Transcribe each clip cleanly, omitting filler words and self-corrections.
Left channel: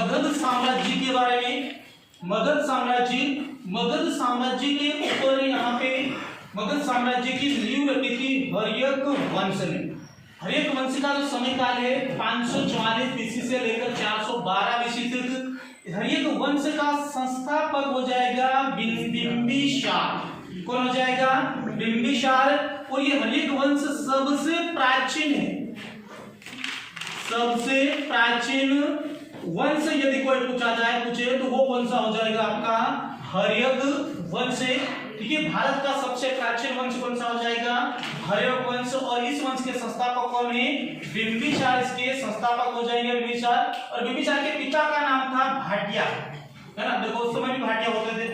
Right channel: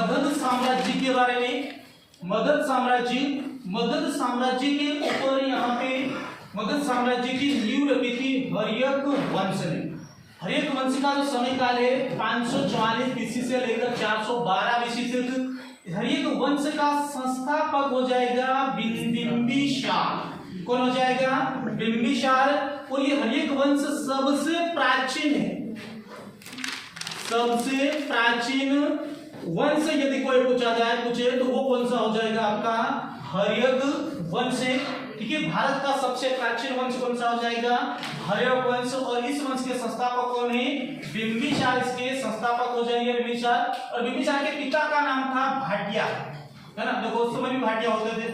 मगध साम्राज्य के बारे में। मगध साम्राज्य के ऊपर यहाँ पे मगध साम्राज्य की नींव रखी थी हर्यक वंश ने। हर्यक वंश का जो समय काल है 544 बीसी से लेकर 412 बीसी तक। हर्यक वंश का संस्थापक हो जाएगा बिंबिसार। कौन हो जाएगा? बिंबिसार। और ये हर्यक वंश सबसे प्राचीन है, सबसे प्राचीन वंश यदि कोई पूछे तो वो कौन सा हो जाएगा? आपका हर्यक वंश है। ठीक है, भारत का सबसे प्राचीन वंश कौन सा हो जाएगा? हर्यक वंश। और इस वंश के संस्थापक कौन है? बिंबिसार इसके संस्थापक हो जाएंगे बिंबिसार। और बिंबिसार के पिता का नाम था भाटिया, है ना? देखो उस समय भी भाटिया होते थे।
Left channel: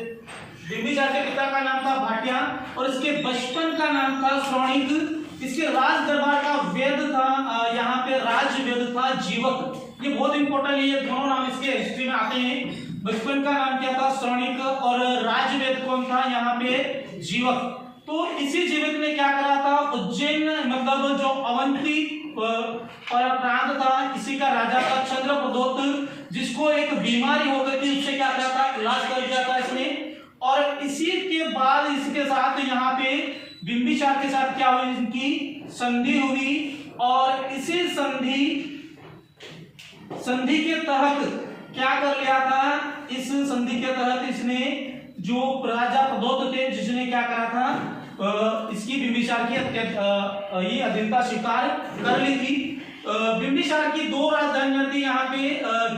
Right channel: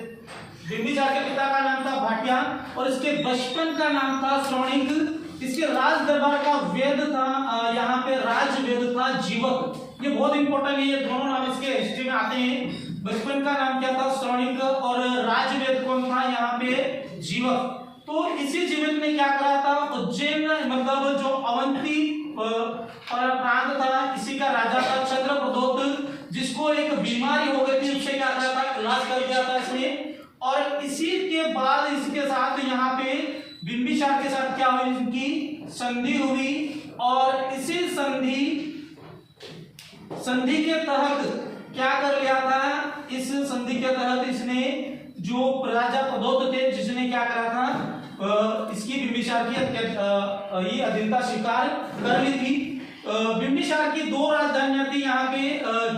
बिंबिसार के पिता का नाम था भाटिया और इसके बचपन का नाम था श्रवणिक। इसके राज दरबार का वेद था, यहाँ पे राज वेद था जीवक। ये बहुत इंपॉर्टेंट है, ये दोनों नाम इसके हिस्ट्री में आते हैं। बचपन का नाम क्या था? श्रवणिक। और राजवेद कौन था? यहाँ पे जीवक। तो इसी जीवक ने क्या करा था? उज्जैन मतलब जो अवंती प्रांत था, इसी का राजा था चंद्रप्रदोत, जिसको एक बीमारी हो गई थी, उससे क्या करा था? इलाज कर दिया था इसने। और इसी के बाद इसके साथ यहाँ पे बिंबिसार के साथ क्या हुई? इनकी संधि हुई। और इसी संधि के तहत क्या कर लिया था? इस संधि के तहत इसने जो राजा प्रदोत थे, जिसने क्या करा था? इसकी बिंबिसार की ये अधीनता स्वीकार कर ली थी। बिंबिसार की दो राजधानियां थी यहाँ पे,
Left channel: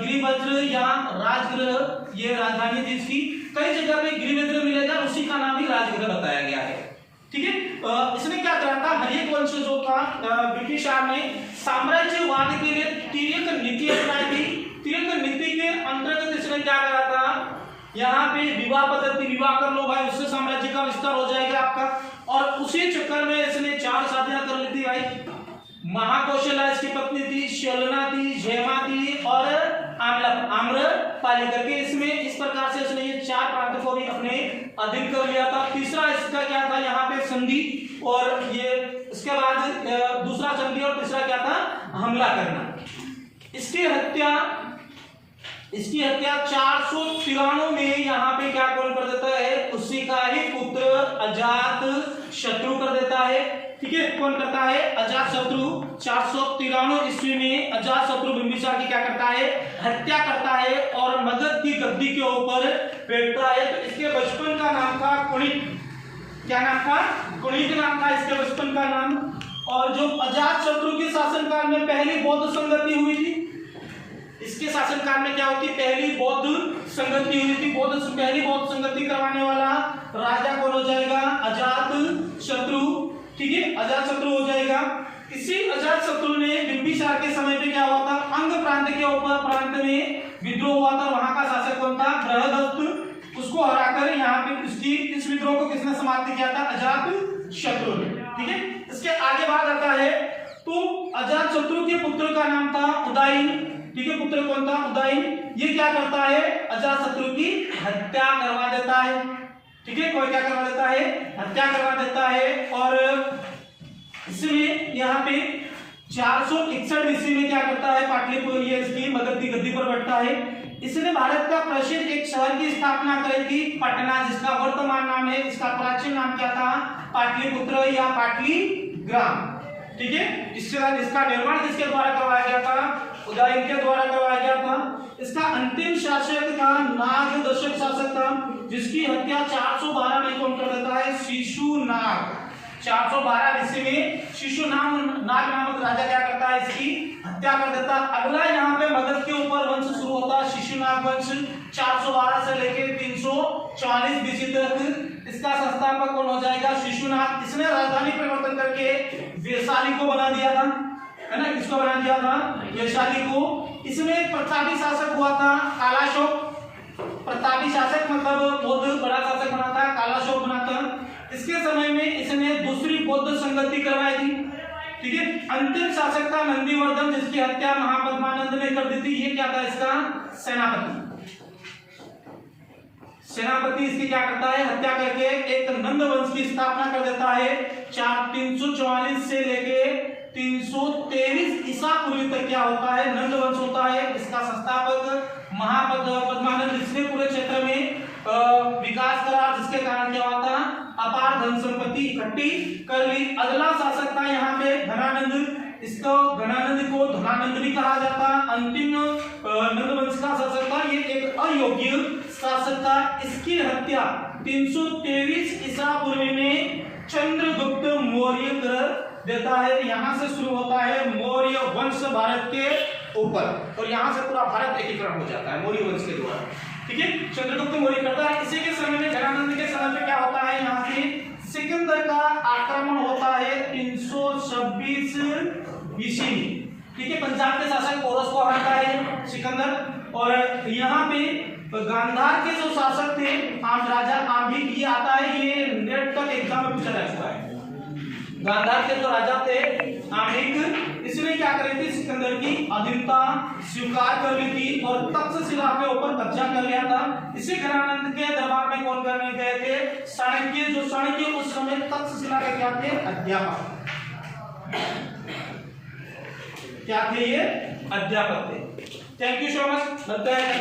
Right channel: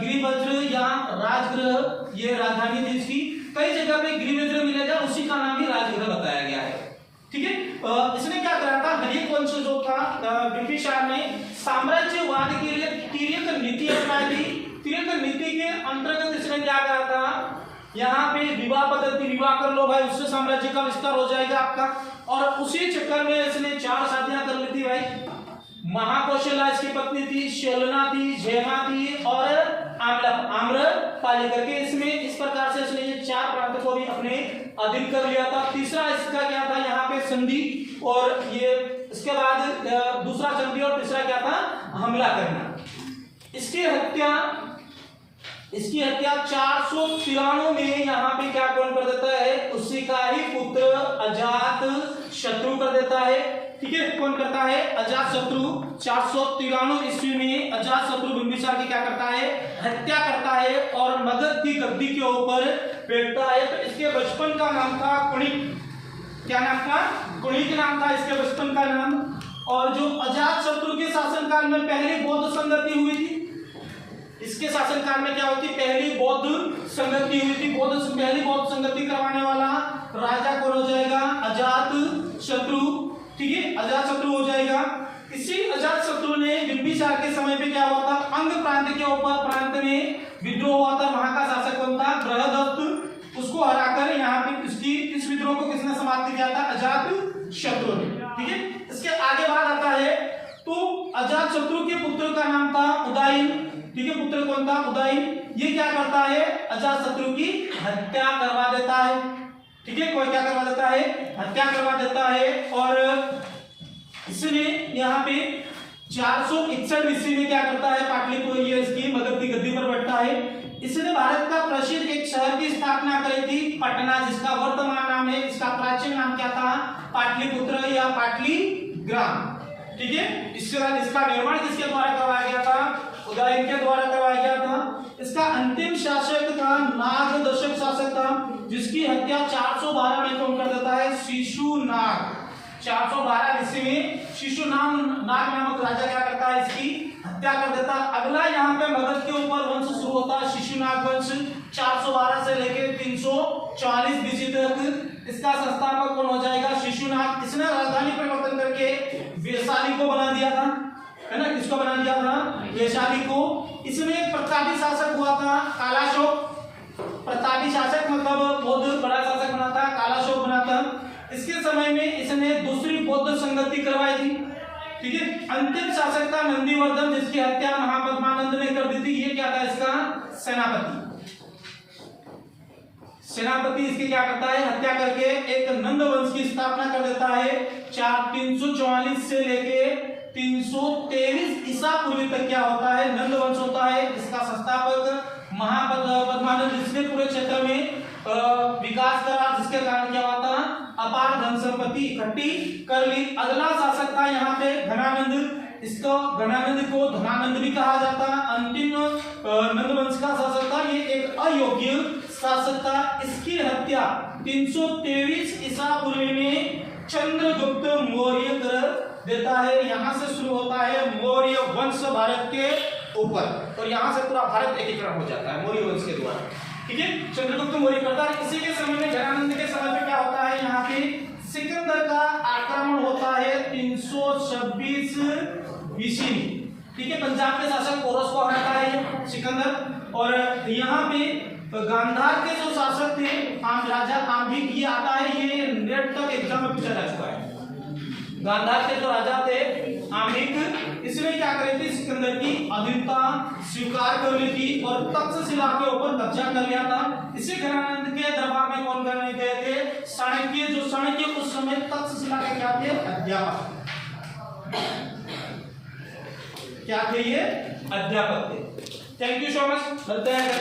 गिरिवज्र या राजगृह, ये राजधानी थी इसकी। कई जगह पे गिरिवज्र मिला था, उसी का नाम ही राजगृह बताया गया है। ठीक है, इसने क्या करा था? हर्यक वंश जो था बिंबिसार ने साम्राज्यवाद के लिए तिर्यक नीति अपनाई थी। तिर्यक नीति के अंतर्गत इसने क्या करा था? यहाँ पे विवाह पद्धति, विवाह कर लो भाई, उससे साम्राज्य का विस्तार हो जाएगा आपका। और उसी चक्कर में इसने 4 शादियां कर ली थी भाई। महाकौशला इसकी पत्नी थी, शलना थी, जयमा थी और आम्रपाली करके इसमें इस प्रकार से इसने ये 4 प्रांत को भी अपने अधीन कर लिया था। तीसरा इसका क्या था? यहाँ पे संधि। और ये इसके बाद दूसरा संधि और तीसरा क्या था? हमला करना। इसकी हत्या 493 में यहाँ पे क्या कौन कर देता है? उसी का ही पुत्र अजात शत्रु कर देता है। ठीक है, कौन करता है? अजात शत्रु। 493 ईस्वी में अजात शत्रु बिंबिसार की क्या करता है? हत्या करता है और मगध की गद्दी के ऊपर बैठता है। तो इसके बचपन का नाम था कुणिक। क्या नाम था? कुणिक नाम था इसके बचपन का नाम। और जो अजात शत्रु के शासनकाल में पहली बौद्ध संगति हुई थी, इसके शासनकाल में क्या होती? पहली बौद्ध संगति हुई थी। पहली बौद्ध संगति करवाने वाला राजा कौन हो जाएगा? अजात शत्रु। ठीक है, अजात शत्रु हो जाएगा। इसी अजात शत्रु ने बिंबिसार के समय पे क्या हुआ था? अंग प्रांत के ऊपर प्रांत में विद्रोह हुआ था। वहां का शासक कौन था? बृहदत्त। उसको हराकर यहाँ पे इस विद्रोह को किसने समाप्त किया था? अजात शत्रु ने। ठीक है, इसके आगे बात आता है तो अजात शत्रु के पुत्र का नाम था उदयन। ठीक है, पुत्र कौन था? उदयन। ये क्या करता है? अजात शत्रु की हत्या करवा देता है। ठीक है, कोई क्या करवा देता है? हत्या करवा देता है। और इसमें यहाँ पे 461 ईस्वी में क्या करता है? पाटलिपुत्र, ये इसकी मगध की गद्दी पर बैठता है। इसने भारत का प्रसिद्ध एक शहर की स्थापना करी थी, पटना, जिसका वर्तमान नाम है, इसका प्राचीन नाम क्या था? पाटलिपुत्र या पाटलीग्राम। ठीक है, इसका निर्माण किसके द्वारा करवाया गया था? उदयन के द्वारा करवाया गया था। इसका अंतिम शासक था नाग दशक शासक था, जिसकी हत्या 412 में कौन कर देता है? शिशुनाग। 412 ईस्वी में शिशुनाग नामक राजा क्या करता है? इसकी हत्या कर देता। अगला यहाँ पे मगध के ऊपर वंश शुरू होता है, शिशुनाग वंश। 412 से लेकर 344 बीसी तक इसका संस्थापक कौन हो जाएगा? शिशुनाग। इसने राजधानी परिवर्तन करके वैशाली को बना दिया था, है ना? किसको बना दिया था? वैशाली को। इसमें एक प्रतापी शासक हुआ था, कालाशोक। प्रतापी शासक मतलब बहुत बड़ा शासक बना था, कालाशोक बना था। इसके समय में इसने दूसरी बौद्ध संगति करवाई थी। ठीक है, अंतिम शासक था नंदीवर्धन, जिसकी हत्या महापद्मानंद ने कर दी थी। ये क्या था? इसका सेनापति। सेनापति इसकी क्या करता है? हत्या करके एक नंद वंश की स्थापना कर देता है। 344 से लेके 323 ईसा पूर्व तक क्या होता है, नंद वंश होता है। इसका संस्थापक महापद्मानंद, जिसने पूरे क्षेत्र में विकास करा, जिसके कारण क्या हुआ था, अपार धन संपत्ति इकट्ठी कर ली। अगला शासक था यहाँ पे धनानंद। इसको धनानंद को धनानंद भी कहा जाता। अंतिम नंद वंश का शासक था, ये एक अयोग्य शासक था। इसकी हत्या 323 ईसा पूर्व में चंद्रगुप्त मौर्य कर देता है। यहाँ से शुरू होता है मौर्य वंश भारत के ऊपर, और यहाँ से पूरा भारत एकीकरण हो जाता है मौर्य वंश के द्वारा। ठीक है, चंद्रगुप्त मौर्य करता है। इसी के समय में धनानंद के समय में क्या होता है, यहाँ पे सिकंदर का आक्रमण होता है 326 ईस्वी में। ठीक है, पंजाब के शासक पोरस को हराता है सिकंदर। और यहाँ पे गांधार के जो शासक थे, आम राजा आम्बिक, ये आता है, ये नेट तक एग्जाम में पूछा जा चुका है। गांधार के जो राजा थे आम्बिक, इसने क्या करी थी, सिकंदर की अधीनता स्वीकार कर ली थी और तक्षशिला के ऊपर कब्जा कर लिया था। इसी धनानंद के दरबार में कौन करने गए थे, चाणक्य। जो चाणक्य उस समय तक्षशिला के क्या थे, अध्यापक। क्या थे ये, अध्यापक थे। Thank you so much. मिलते हैं।